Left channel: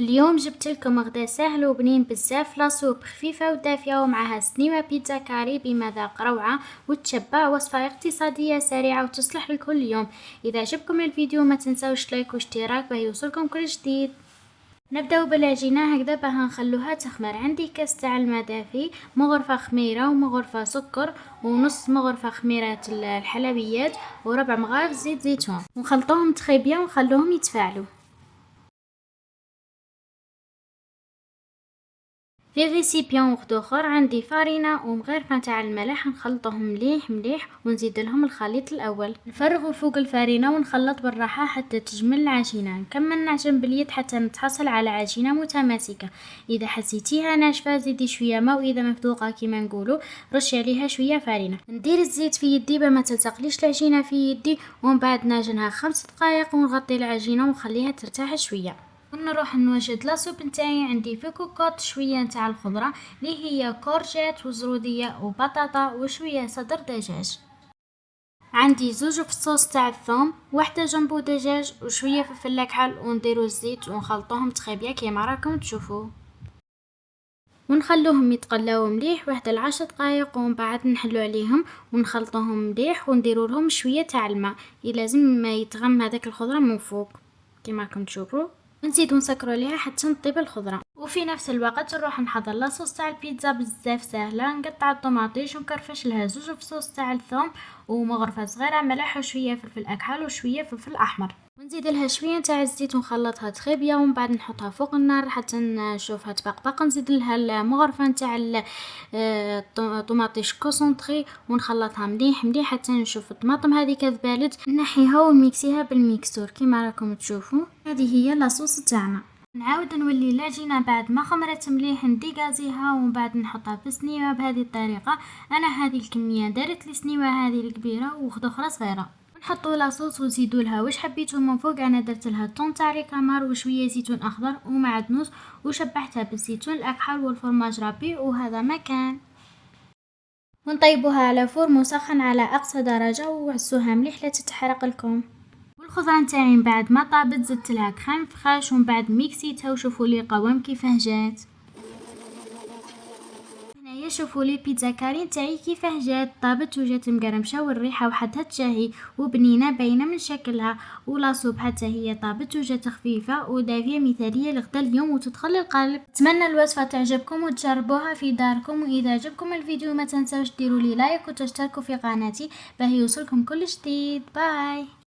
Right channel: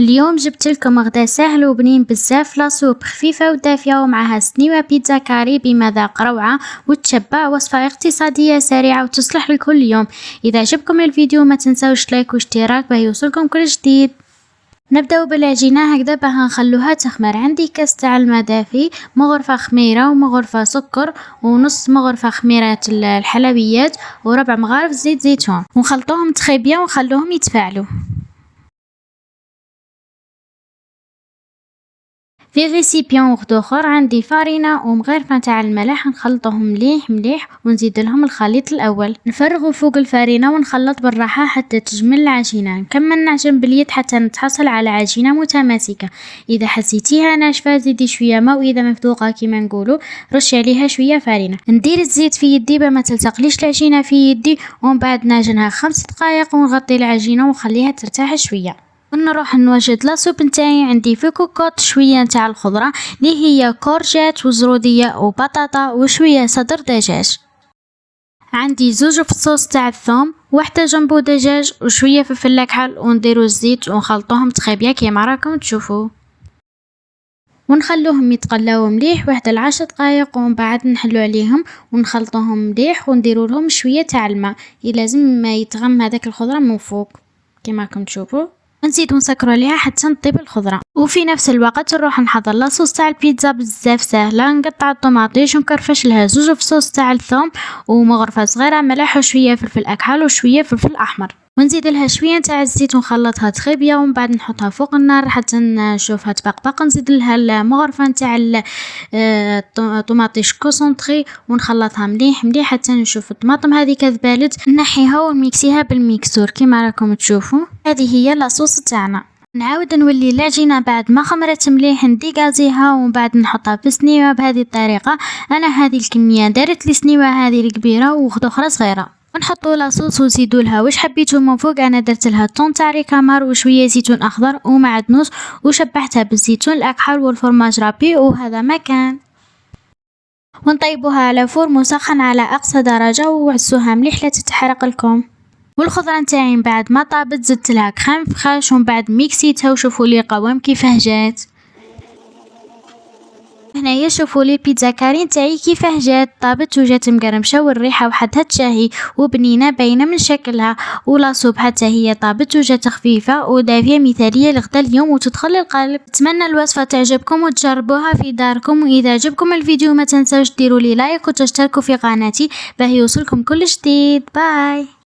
اليوم جبت لكم غدا سهل وبنين بزاف، لاصوب خفيفة ودافية ومعها سنيوة بيتزا كاري بمذاق روعة وتشبع. وصفة اقتصادية سريعة وتصلح لكل يوم. إذا عجبكم الفيديو ما تنسوش لايك واشتراك باه يوصلكم كل جديد. نبداو بالعجينة هكذا باه نخلوها تخمر. عندي كاس تاع الماء دافي، مغرفة خميرة ومغرفة سكر ونص مغرفة خميرة الحلويات وربع مغارف زيت زيتون، ونخلطوهم تخي بيان ونخلوهم يتفاعلوا. في ريسيبيون وحد اخر عندي فارينة ومغرفة تاع الملح، نخلطوهم مليح مليح ونزيد لهم الخليط الاول، نفرغه فوق الفارينة ونخلط بالراحة حتى تجمل العجينة. نكمل نعجن باليد حتى نتحصل على عجينة متماسكة. اذا حسيتيها ناشفة زيدي شوية ماء، واذا مفذوقة كيما نقولوا رشي عليها شوية فارينة. ندير الزيت في يدي باه ما تلصقليش العجينة في يدي، ومن بعد نعجنها 5 دقائق ونغطي العجينة ونخليها ترتاح شوية. ونروح نوجد لاصوب نتاعي. عندي في كوكوط شويه نتاع الخضره اللي هي كورجات وزروديه وبطاطا وشويه صدر دجاج. عندي 2 فصوص تاع الثوم، وحده جنبو دجاج وشويه فلفل اكحل، ونديرو الزيت ونخلطوهم تخيبيا كيما راكم تشوفوا، ونخلوهم يتقلاو مليح واحد 10 دقائق، ومن بعد نحلو عليهم ونخلطوهم مليح ونديرو لهم شويه تاع الماء. لازم ما يتغم هذاك الخضره من فوق كيما راكم تشوفوا، ونزيدو نسكرو عليها حتى نطيب الخضره. وفي نفس الوقت نروح نحضر لاصوص تاع البيتزا بزاف سهله. نقطع الطماطيش ونكرفش لها 2 فصوص تاع الثوم ومغرفه صغيره ملح وشويه فلفل اكحل وشويه فلفل احمر، ونزيد لها شويه تاع الزيت ونخلطها تخيبيا، ومن بعد نحطها فوق النار حتى نشوفها تبقبق. نزيد لها المغرفه تاع الطماطيش كونسونطري ونخلطها مليح مليح حتى نشوف الطماطم هذه كذبالت، نحيها ونميكسيها بالميكسور كيما راكم تشوفوا. هذه هي لاصوص تاعنا. نعاود نولي العجينه بعد ما خمرت مليح نديكازيها، ومن بعد نحطها في سنيوه بهذه الطريقه. انا هذه الكميه دارت لي سنيوه هذه الكبيره وواحده اخرى صغيره. ونحطوا لاصوص وزيدوا لها واش حبيتوا من فوق. انا درت لها طون تاع ريكامار وشويه زيتون اخضر ومعدنوس، وشبعتها بالزيتون الاكحل والفرماج رابي، وهذا ما كان. ونطيبوها على فور مسخن على اقصى درجه وعسوها مليح لا تتحرق لكم. والخضره نتاعي من بعد ما طابت زدت لها كريم فخاش، ومن بعد ميكسيتها وشوفوا لي القوام كيفاه جات. هنايا شوفوا لي البيتزا كاري نتاعي كيفاه جات، طابت وجات مقرمشه والريحه وحدها تشاهي وبنينه باينه من شكلها. ولاصوب حتى هي طابت وجات خفيفه ودافيه مثاليه لغدا اليوم وتدخل القلب. اتمنى الوصفه تعجبكم وتجربوها في داركم. واذا عجبكم الفيديو ما تنسوش ديروا لي لايك وتشتركوا في قناتي باه يوصلكم كل جديد. باي.